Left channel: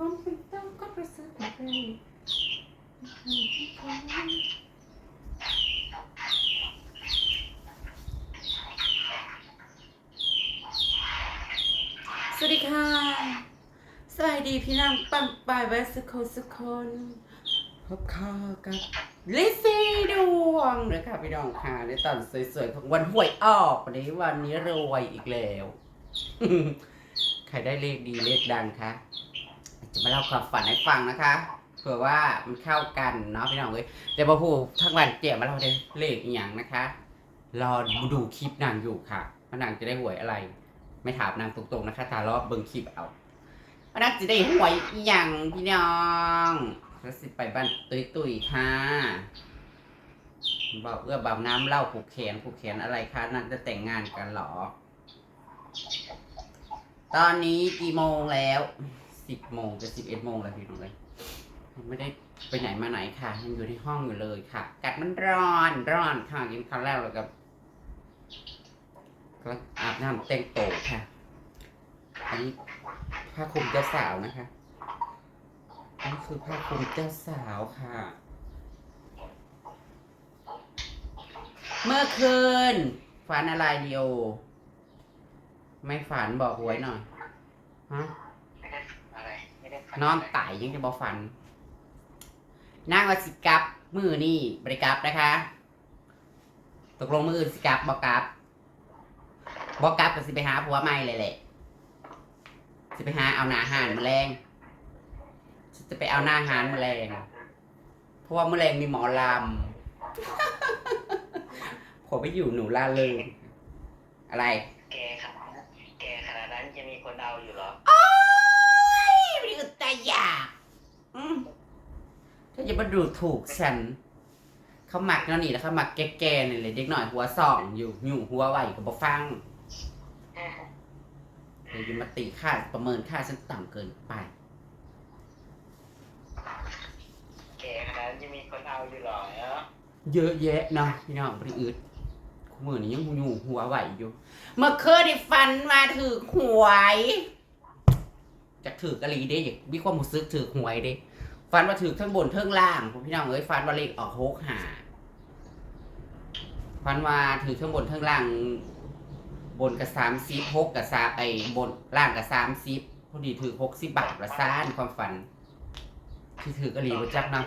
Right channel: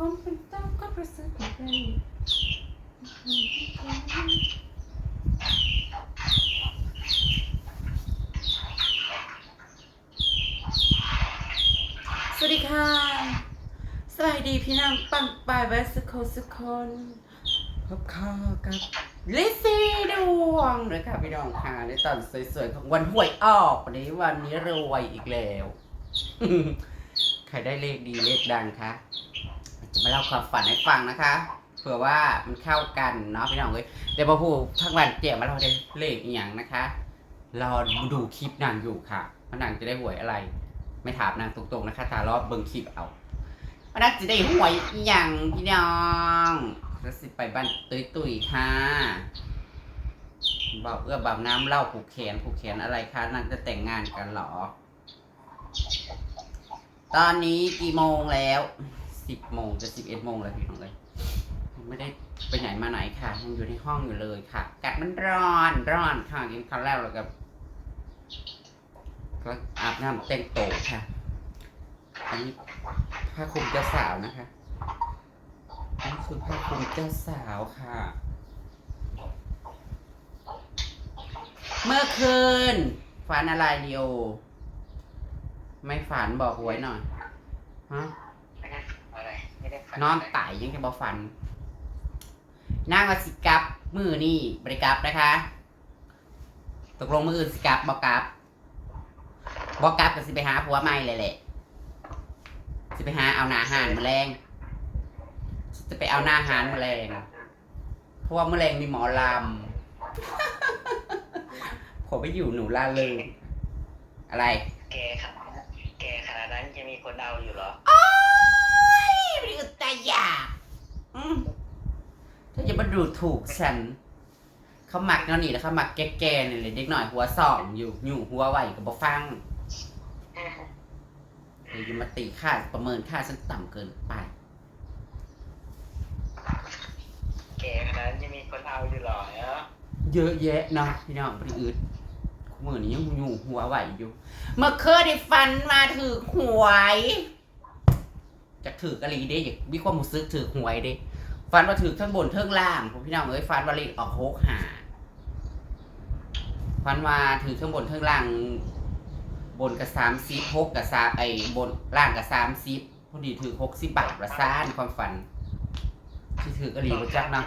ความเป็นต้องก็ประสริฐกว่าใครสวัสดีค่ะ สวัสดีพี่น้องปังปายเวสโคสุคนพบข้ากับลิซซี่ดวงนะคะพี่น้องค่ะในตอนสวยๆของวันหวยออกวันนี้วันนี้รวยอีกแล้ว ใครได้เลขดีเลขดังคะ จะมาเล่าความฝันให้ฟังนะคะเผื่อว่ามันเข้ากันเนาะพี่น้องเอ้ยแต่พอพูดทั้งวันเจียมาเล่าได้เลขอหย่างนะคะรอดูคลิปนางอยู่ค่ะว่านางจะได้หวยอะไร ไม่ถามนางตรงๆนะคะตารอบเบิ่งคลิปเอาว่านางจะได้หวยอย่างพี่น้องแล้วสิไปบ้านตุยๆค่ะบอกเอื้อบ่าวน้ำเล่าผูกแขนผูกแขนอะไรคะนางจะแต่งงานกันหรอ ตอนนี้กี่โมงแล้ว สิบโมงจะสิบเอ็ดโมงแล้วพี่น้องเลยยังไม่ได้ไปไหนมาไหนค่ะ ยังอยู่ในห้องอยู่เลยค่ะอากาศมันร้อนร้อนค่ะกินข้าวแล้วแล้วกับก็อาบน้ำแต่งโตวค่ะ อันนี้ผ้าคลุมเจ้าสาวนะคะอันนี้คือผ้าคลุมเจ้าสาวค่ะ เมื่อคืนฝันอะไรเดียว ไม่ฝันบอกหวยหน่อยฮะ นอนไต่ยังจะบอกฝันนางว่าสิกลับมือนี่บริกลับนะคะ ตกลงมืออื่นสิกลับบอกลับบอกกลับก็สิไปหาผัวใหม่เลยแหละสิไปหาเอาหนาหานแมลงจะไปเอาหน้าหานแมลงเพราะว่าแมลงมีหมอลำผมไปอยู่หนูล่าเลยอะไร แกขนาดนั้นแกขนาดนั้นจะมีคนเอาอยู่เหรอ ไม่ได้ตายอยากอืมถ้าจะมาดูถูกฉัน เขาหมักแล้วนี่แล้วเขาหมักแก่ๆนี่เลยเด็กหน่อยหัวสองอยู่อยู่หัวไหวกับบฟังเดี๋ยวจะมาตีค่าประเมินค่าฉันต่ำเกินไป แกขนาดนั้นจะมีคนเอาอยู่เหรอเนาะเยอะแยะเนาะพี่น้องบริอืดคู่มือนี้ยังอยู่หัวไหวอยู่ เมื่อคืนได้ฟันมาถือหวย จากถือกะลีเด้อยากมีความรู้สึกถือหวยเด้ฟันว่าถือทั้งบนทั้งล่างผมพี่น้องเอ้ยฟันว่าเลขออกหกหาฟันว่าถือทั้งบนทั้งล่าง บนกับสามสิบหกกับสามไอ้บนล่างกับสามสิบพอดีถือหกสิบบาทละซ่านความฝัน ที่ถือกะลีมาจักเนาะ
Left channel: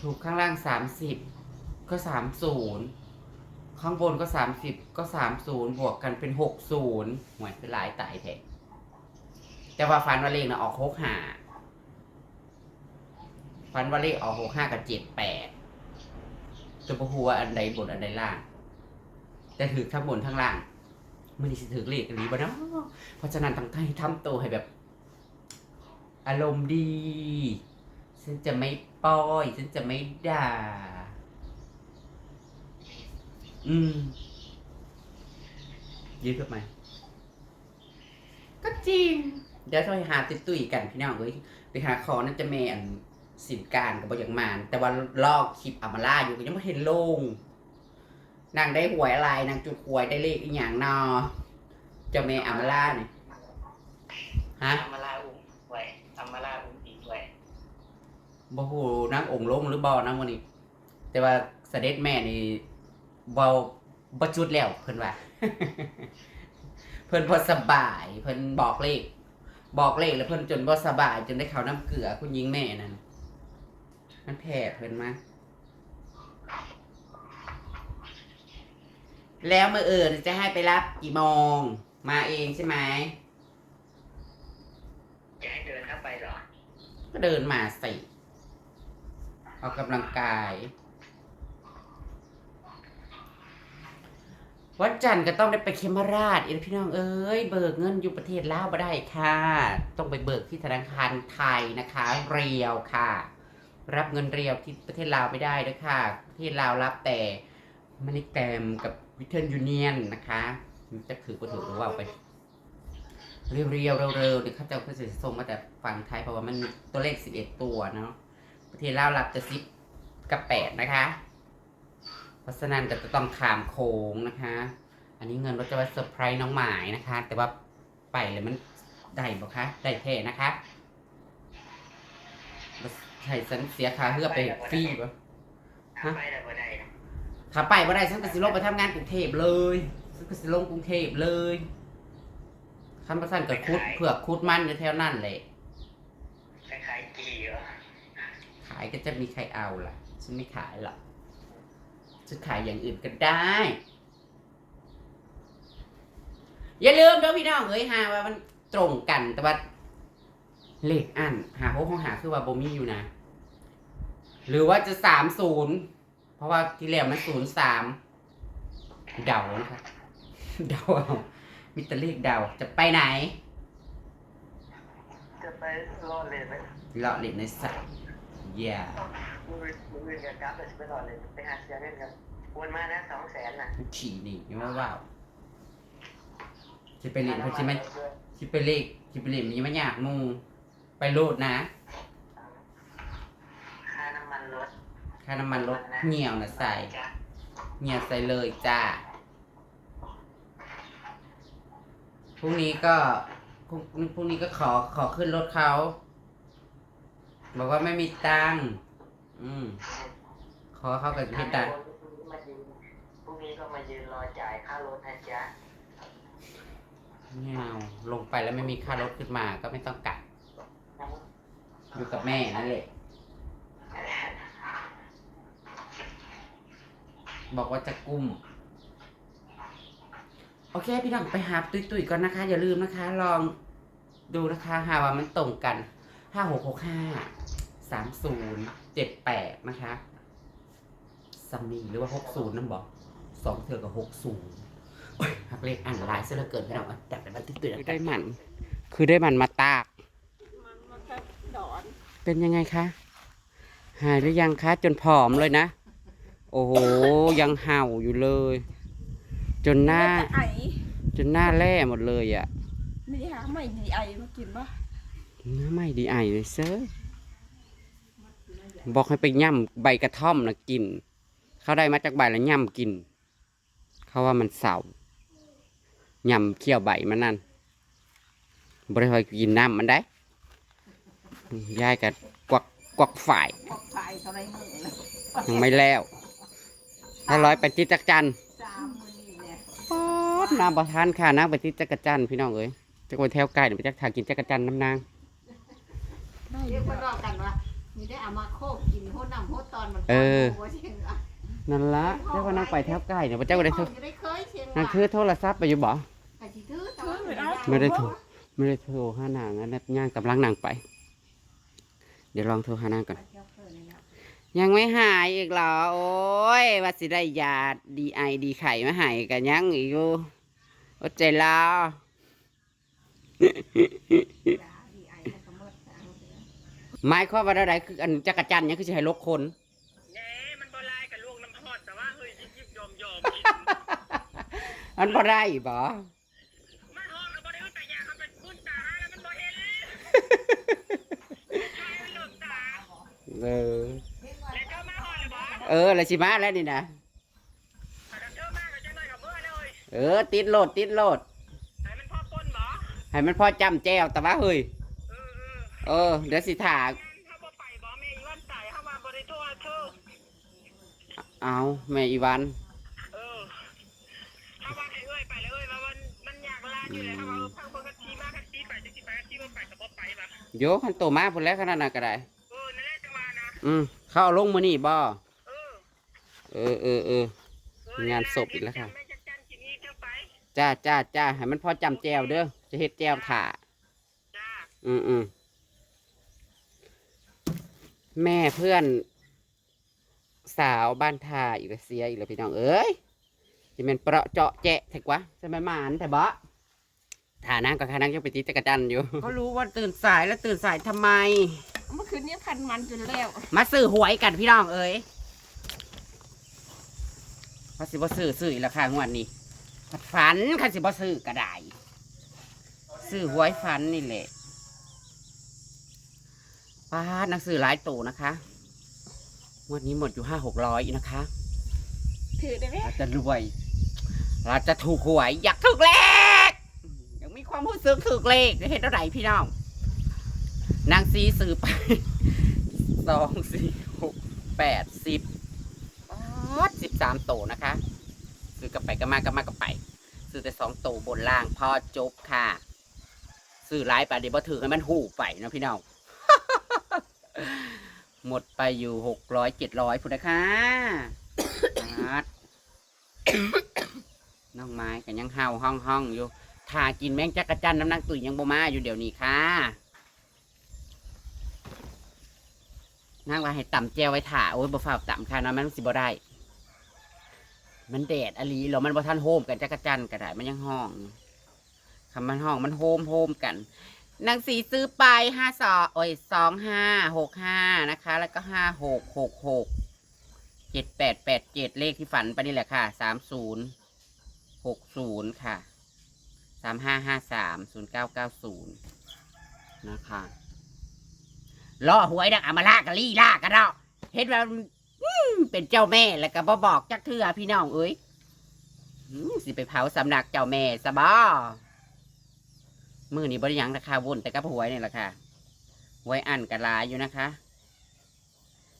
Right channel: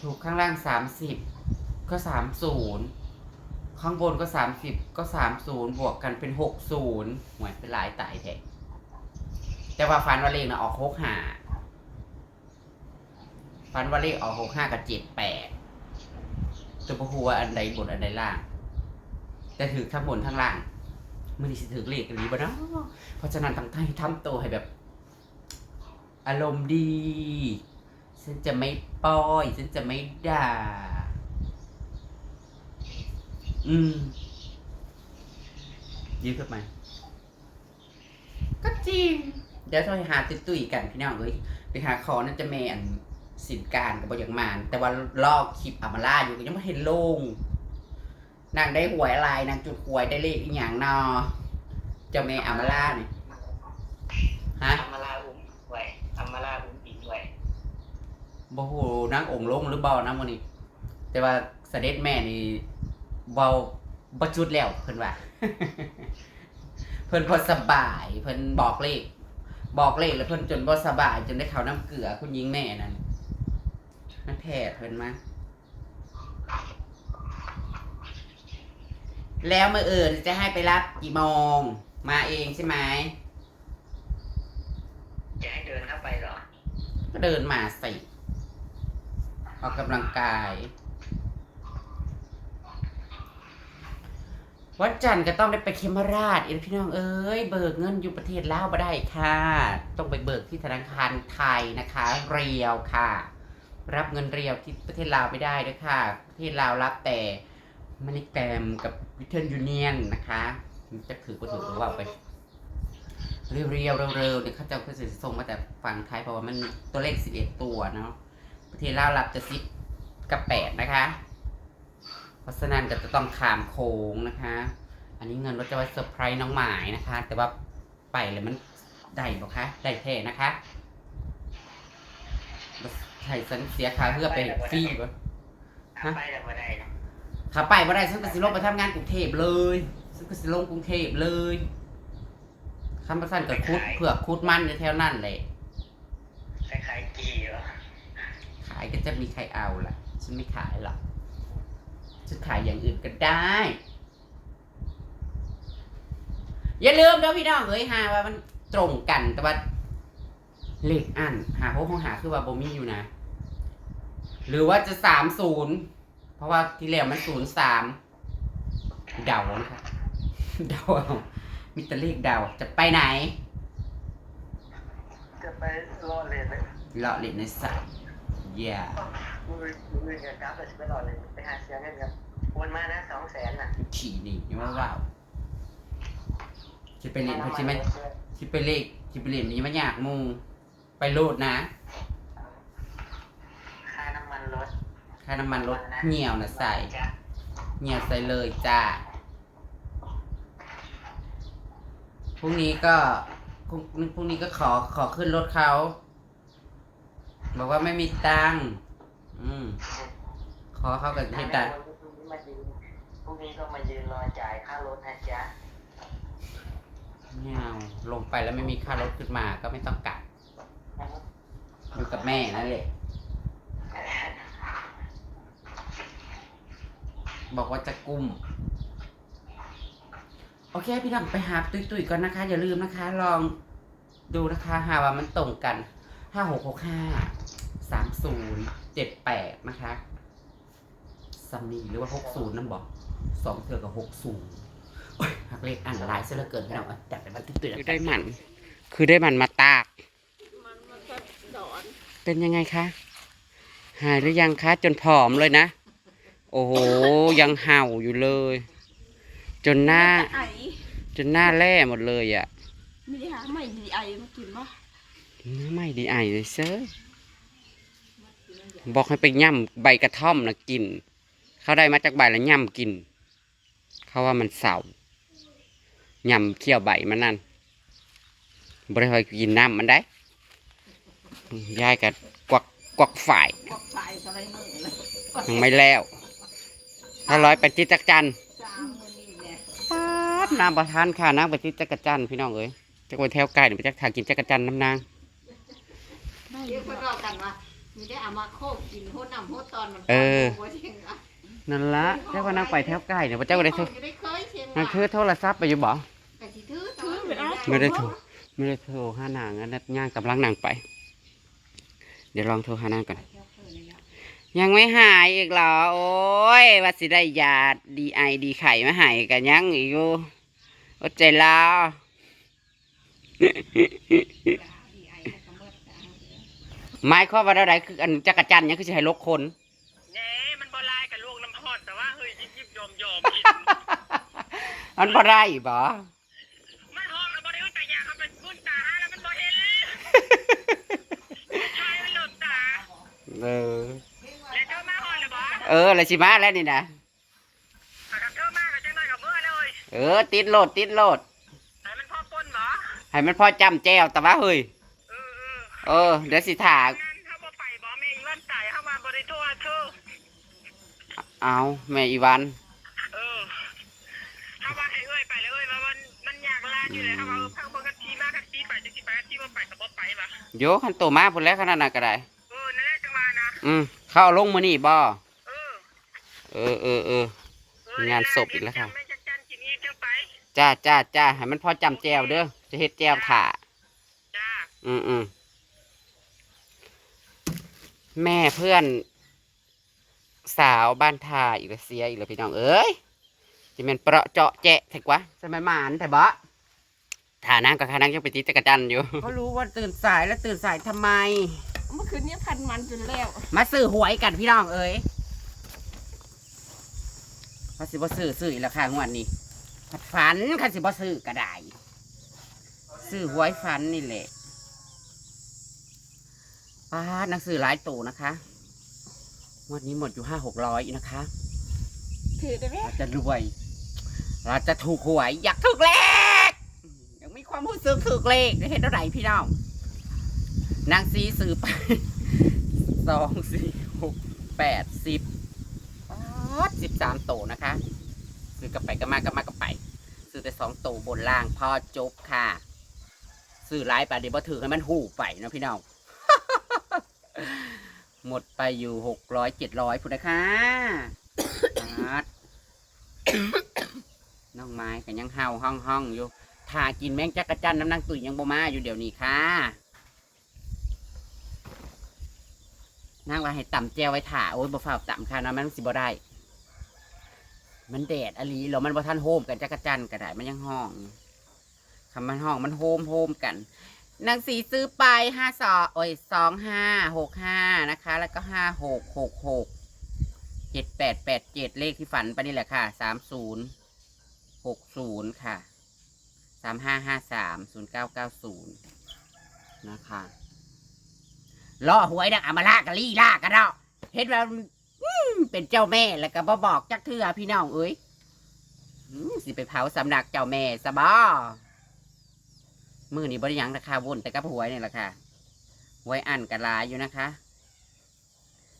ถูกข้างล่างสามสิบก็สามศูนย์ข้างบนก็สามสิบก็สามศูนย์บวกกันเป็นหกศูนย์หวยเป็นหลายตายแท้ แต่ว่าฟันว่าเลขนะออกหกห้าฟันว่าเลขออกหกห้ากับเจ็ดแปดจะพูว่าอันใดบนอันใดล่าง แต่ถือทั้งบนทั้งล่างมันนี่สิถือเลขกันนี้บ่เนาะเพราะฉะนั้นต้องให้ทำตัวให้แบบ อารมณ์ดี ฉันจะไม่ป้อย ฉันจะไม่ด่า อืมยืดขึ้นมาก็จริง เดี๋ยวจะไปหาตุ้ยตุยๆกันพี่น้องเอ้ยไปหาคอนั่นจะเมอันสินการกับบอย่างมาน แต่ว่าลอกคลิปอามาล่าอยู่ก็ยังไม่เห็นลงนางได้หวยอะไรนางจุดหวยได้เลขอีกอย่างนอเจ้าเมอามาล่าเนี่ยฮะทำมาลาอุ้มไว้ทำมาลาอุ้มอีกไว้บ่ฮู้นางองค์ลงหรือบ่นะมื้อนี้แต่ว่าเสด็จแม่นี่เว้าบ่จุดแล้วเพิ่นว่า เพิ่นบ่สบาย เพิ่นบอกเลข บอกเลขแล้วเพิ่นจนบ่สบาย จนได้เข้าน้ำเกลือคุณหญิงแม่นั่นมันแพ้เพิ่นมา แล้วมื้ออื่นจะให้ไปรับกี่โมงมาเองใช่ไหมจะให้เดินเข้าไปเหรอ ก็เดินมาสิออกกำลังกาย วันจันทร์ก็ต้องได้ไปเคมราชอีพี่น้องเอ้ยเบิกเงินอยู่ประเทศลาวบ่ได้ค่ะ ต้องไปเบิกที่ธนาคารไทยนะคะ เรียวค่ะ รับเงินเรียวที่ประเทศลาวไม่ได้ด้วยค่ะ ประเทศลาวรับแต่มันนี่แกมกับวิเทนยูเนียนนะคะจะถือก็ถือหรือว่าเอาไปเรียวเร็วๆเนี่ยเขาจะเขาจะส่งมาแต่ฝั่งไทยเพราะว่ามันมีตัวเลขสิบเอ็ดตัวเนาะประเทศลาวรับจะสิบกับแปดนะคะ เพราะฉะนั้นก็จะต้องขามโค้งนะคะ อันนี้เงินเราจะไว้เซอร์ไพรส์น้องหมายนะคะ แต่ว่าไปเลยมันได้บ่คะ ได้แท้นะคะใช่ฉันเสียค่าเพื่อไปฟรีบ่ฮะไปแล้วบ่ได้นะถ้าไปบ่ได้ฉันก็สิลงไปทำงานกรุงเทพเลยฉันก็สิลงกรุงเทพเลยคำประสันกับคุดเผือกคุดมันอยู่แถวนั่นแหละคล้ายๆกี่เหรอขายก็จะมีใครเอาล่ะ ฉันไม่ขายหรอก ฉันขายอย่างอื่นก็ได้ อย่าลืมเด้อพี่น้องเอ้ยหาว่ามันตรงกันแต่ว่าเลขอันหาโค้ของหาคือว่าบ่มีอยู่นะ หรือว่าจะสามศูนย์เพราะว่าที่แล้วมันศูนย์สามเดานะคะเดาเอามีแต่เลขเดาจะไปไหน จะไปรอดเลยไหมเลาะเล่นในสระอย่า มือมือเนี่ยกราฟจะไปรอดเลยไปหาเสียเงินครับวนมานะสองแสนน่ะขี่หนี่ยังว่าว้าวจะไปเล่นเขาจะไม่จะไปเล่นจะไปเล่นนี้ไม่อยากมูไปโลดนะ ค่าน้ำมันรถค่าน้ำมันรถเหี่ยวนะใส่เหี่ยวใส่เลยจ้าพรุ่งนี้ก็พรุ่งพรุ่งนี้ก็ขอขอขึ้นรถเขา บอกว่าไม่มีตังค์ อืมขอเขากับเฮ็ดได้พรุ่งนี้ก็มายืนรอจ่ายค่ารถนะจ๊ะไม่เอาลงไปแล้วไม่มีค่ารถขึ้นมาก็ไม่ต้องกลับอยู่กับแม่นั่นแหละบอกว่าจะกุ้ม โอเค พี่น้องไปหาตุยตุยๆก่อนนะคะ อย่าลืมนะคะ ลองดูนะคะหาว่ามันตรงกันห้าหกหกห้าสามศูนย์ เจ็ดแปดนะคะซัมนี่หรือว่าหกศูนย์นั่นบอกสองเทือกับหกศูนย์หักเลขอ่านหลายเสียเหลือเกินพี่น้องเอาจับไปบันทึกตุยคือได้มัน คือได้มันมาตาก มันมันก็สอน เป็นยังไงคะ หายหรือยังคะ จนผอมเลยนะ โอ้โห ยังเห่าอยู่เลย จนหน้าไอจนหน้าแร่หมดเลยอะ่ะ ไม่ได้หาไม่ดีไอมากินวะเนื้อไม่ดีไอเลยเซอร์ บอกให้ไปย่ำใบกระท่อมนะกิน เขาได้มาจากใบแล้วย่ำกิน เขาว่ามันเสาย่ำเคี่ยวใบมันนั่นบริหอยกินน้ำมันได้ยายกับกวักกวักฝ่ายยังไม่แล้วถ้าร้อยไปที่จักจั่นป๊าดน้ำประทานค่ะน้ำไปที่จักจันพี่น้องเอ้ยจะไปแถวไกลเดี๋ยวไปจักทากินจักจันน้ำนางเรียกคนรอกันว่า มีได้เอามาโคกกินโหน้ำโหตอนมันเออโหเชียงอะนั่นละเจ้าก็นั่งไปแถวไกลเดี๋ยวพระเจ้าก็ได้โทรจะได้เคยเชียงนั่นคือโทรศัพท์ไปอยู่บ่ไปสิถือถือไม่ได้โทรไม่ได้โทรหานางอันนั้นย่างกำลังนางไป เดี๋ยวลองโทรหานางก่อน ยังไม่หายอีกเหรอ โอ้ยว่าสิได้ยาดีไอดีไข่มาใหายกันยังอีกอยู่อดใจลาว หมายความว่าอะไรคืออันจักรจันทร์เนี่ยคือจะให้ลกคนเน่มันบ่ลายกับลูกน้ำพอดแต่ว่าเฮ้ยยิบยิบยอมยอมมันบ่ได้บ่มันห้องแล้วบ่ได้แต่ยาเขาเป็นบุญตาแล้วมันบ่เห็นชายมันหล่นตาเออแล้วเจ้ามาห้องเลยบ่เออแล้วสิมาแล้วนี่นะถ้าเจ้ามาก็จังได้กับเมื่อเลยเออ ติดโหลดติดโหลดให้มันพ่อปนบ่ให้มันพอจำแจวแต่ว่าเฮ้ย เออเออเออ เดี๋ยวสิถางั้นเขาบ่ไปบ่แม่อีวันตายเข้ามาบ่ได้โทษเธอเอาแม่อีวันเออถ้าว่าให้เอ้ยไปเลยเอ้ยว่ามันมันอยากลาอยู่เลยถ้าว่าเออพังเบิ่งกันทีมากันทีไปจังสิไปกันทีบ่ไปก็บ่ไปว่ะโยขันโตมาพุ่นแล้วขนาดนั้นก็ได้ เออนั่นแหละจังว่านะอืมเข้าเอาลงมือนี่บ่เออเออเออเออ เอองานศพอีกแล้วค่ะแม่จักจันกินอีกจังไปจ้าจ้าจ้าให้มันพอจำแจวเด้อจะเฮ็ดแจวถ่าจ้า อืมอืม แม่เพื่อน สาวบ้านทาอีกแล้วเสียอีกแล้วพี่น้องเอ้ยจะเป็นเปราะเจาะแจะแท้กว่าจะไม่หมานแต่บ่ฐานั่งก็ขานั่งยังไปตีจักรจันทร์อยู่ เขารู้ว่าตื่นสายแล้วตื่นสายทำไม เมื่อคืนนี้พันมันจนแล้วมาซื้อหวยกันพี่น้องเอ้ยพอสิบ่ซื้อซื้ออีกแล้วค่ะงวดนี้ผัดฝันค่ะสิบ่ซื้อก็ได้ซื้อหวยฝันนี่แหละ ป้าดหนังสือหลายตัวนะคะงวดนี้หมดอยู่ห้าหกร้อยนะคะ ถือได้ไหมเราจะรวย เราจะถูกหวยอยากถูกเลขยังไม่มีความรู้สึกถึกเลขเห็นเท่าไหร่พี่น้องนางซีซื้อไปสองสี่หกแปดสิบสิบสามโตนะคะซื้อกลับไปก็มากลับมาก็ไปซื้อแต่สองโตบนล่างพอจบค่ะซื้อหลายไปเดี๋ยวมาถือให้มันหูไปเนาะพี่น้อง หมดไปอยู่หกร้อยเจ็ดร้อยพุทธค่ะอาดน้องไม้กันยังเห่าห้องห้องอยู่ทากินแมงจักรจันน้ำนางตุ๋ยยังบ่มาอยู่เดี๋ยวนี้ค่ะนางว่าให้ต่ำแจวไว้ถ่าโอ้ยบ่ฝ้าต่ำค่ะนะมันสิบ่ได้ มันแดดอลีแล้วมันบ่ทันโฮมกันจักรจันก็ได้มันยังห้องคำมันห้องมันโฮมโฮมกัน นางสีซื้อไปห้าสองโอ้ยสองห้าหกห้านะคะ แล้วก็ห้าหกหกหกเจ็ดแปดแปดเจ็ดเลขที่ฝันไปนี่แหละค่ะสามศูนย์หกศูนย์ค่ะสามห้าห้าสามศูนย์เก้าเก้าศูนย์นะคะล่อหวยดักอามาลากะลี่ลากันเนาะเห็นว่าเป็นเจ้าแม่แล้วก็บอบอกจักเทือพี่น้องเอ้ยสิไปเผาสำนักเจ้าแม่ซะบ่ มือนี้บริยังราคาวนแต่กับหวยนี่แหละค่ะหวยอันกระลายอยู่นะคะ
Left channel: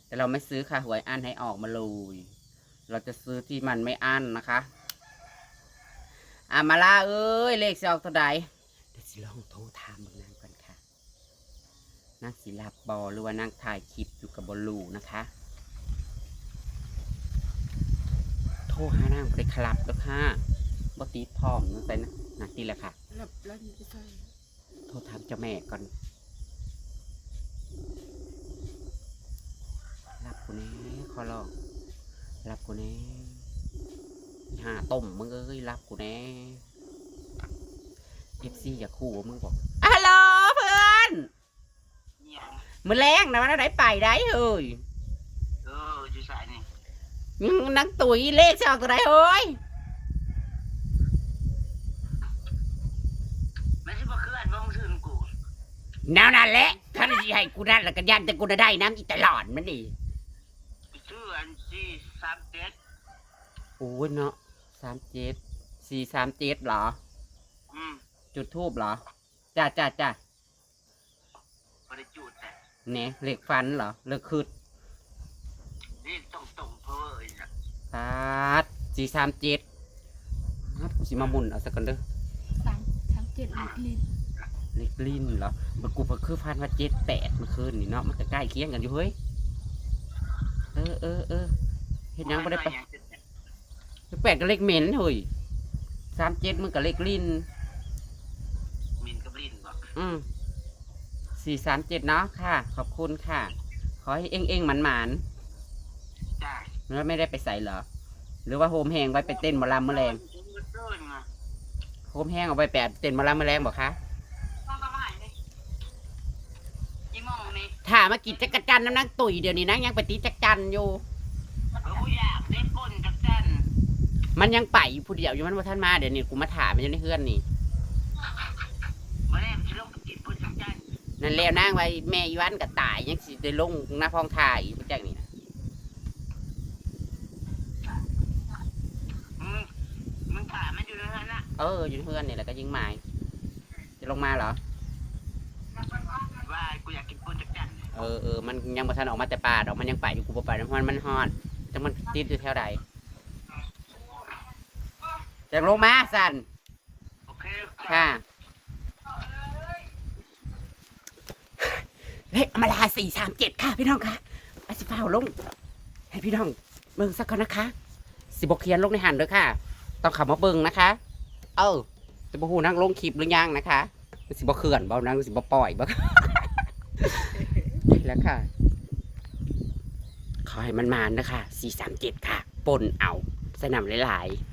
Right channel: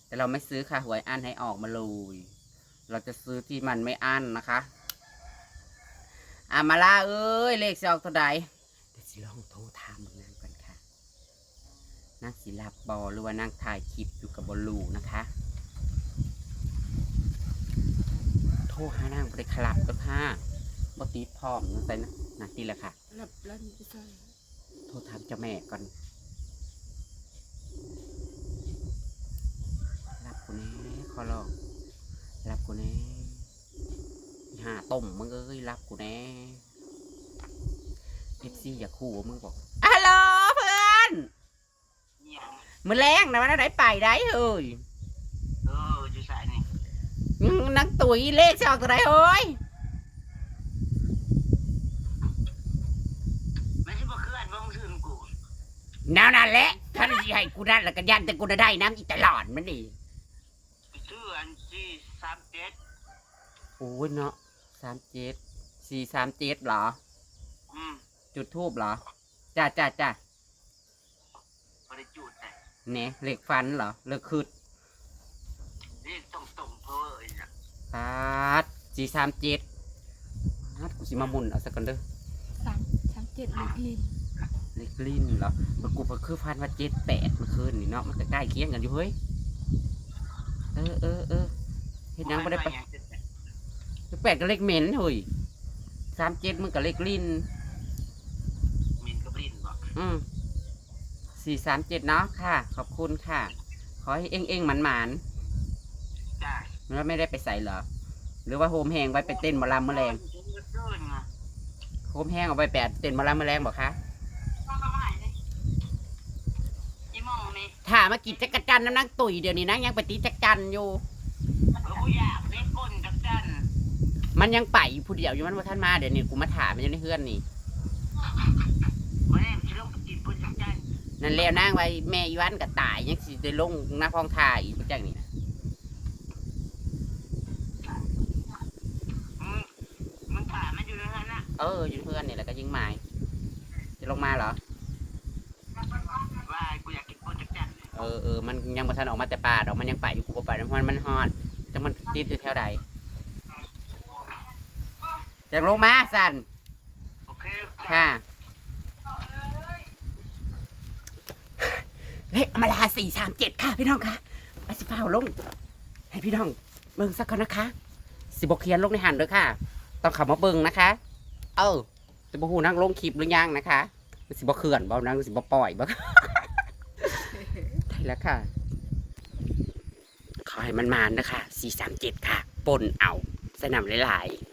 แต่เราไม่ซื้อค่ะหวยอันให้ออกมาเลยเราจะซื้อที่มันไม่อันนะคะอามาลาเอ้ยเลขสออกเท่าใดเดี๋ยวสิลองโทรถามเบางนางก่อนค่ะนางสิลับบอหรือว่านางถ่ายคลิปอยู่กับบอลูนะคะ โทรหานางไปคลับก็ค่ะบอติดพร้อมนั่นใส่นะ นาทีละค่ะรับรับนี่ใช่โทรถามเจ้าแม่ก่อนรับกูแน่ขอร้องรับกูแน่หาต้มมึงเอ้ยรับกูแน่เพปซี่อย่าคู่มึงบอกฮัลโหลเพื่อนเนี่ยมือแรงนะวันไหนไปได้เฮ้ยเอออยู่สายนี่ยังนังตุ๋ยเลขจะออกตัวไหนเฮ้ย มันสิบ่เคลื่อนบ่มึงซื้อกู แนวนั่นแหละถ้าจะให้กูนั่นแล้วก็ยันแต่กูได้น้ำอีตลอดมันดิซื้ออันที่สามเจ็ดโอ้ยเนาะสามเจ็ดสี่สามเจ็ดเหรอ อืมจุดทูบเหรอจ้าจ้าจ้าบ่ได้จุดแต่เนี่ยเหล็กฟันเหรอเหล็กคืดนี่ต้องตรงเพอเอ้ยนะปาดสี่สามเจ็ดปาดกูสิมาหมุนเอาสักกันเด้อ สามสามเจ็ดลิตรลิตร เหล็กลิ้นเหรอมันกูก็คือฟันว่าเจ็ดแปดเมื่อคืนนี่เนาะมันก็ใกล้เคียงกันอยู่เฮ้ยเออเออเออเห็นยังไม่ได้ไปแปดก็เล็กเหม็นเฮ้ยสามเจ็ดมันก็เล็กลิ้นมินกับลินบ่อืมสี่สามเจ็ดเนาะค่ะ ขอบคุณค่ะ ขอให้เอ็งเอ็งหมันหมันจ้าๆแล้วไม่ได้ไปใส่เหรอ หรือว่าโฮมแหงไว้ไปเต้นหมอลำแมลงเดินมาโฮมแห้งเอาไปแปดเต้นหมอลำแมลงบอกคะ ต้องมาใหม่เลยอีมองนี่ ถ้ามากินจักรจันทร์น้ำนังตุ๋ยเดี๋ยวนี้นังยังไปตีจักรจันทร์อยู่ เออกูอยากเล่นก้นกับจันมันยังไปอยู่ผู้เดียวอยู่มันว่าท่านมาเดี๋ยวนี้กูมาถามมันอยู่ในเฮือนนี่บ่ได้สิลงไปกินก้นกับจันนั่นแล้วนั่งไว้แม่อีวันกับตายยังสิได้ลงหน้าพ้องถ่ายอีกประจังนี่นะอืมมึงถามมันอยู่ในนั้นน่ะเอออยู่ในเฮือนนี่แหละก็ยิงหมายจะลงมาเหรอ ว่ากูอยากกินก้นกับจันเออเออมันยังมาทันออกมาแต่ป่าดอกมันยังไปอยู่กูบ่ไปน้ำมันมันฮอดจะมันติดอยู่แถวใดจะลงมาสันโอเคค่ะเฮ้ยเอามาลาสี่สามเจ็ดค่ะพี่น้องค่ะไอ้สิฟ้าวลง ให้พี่น้องเบิ่งสักคนนะคะ สิบกเขียนลงในหันเด้อค่ะ ต้องขับมาเบิ่งนะคะ เออจะบอกหูนั่งลงคลิปหรือยังนะคะ สิบกเขื่อนบ่นั่งสิบปล่อยบ่ได้ แล้วค่ะ ขอให้มันมานนะคะสี่สามเจ็ดค่ะปนเอาสนามหลายๆ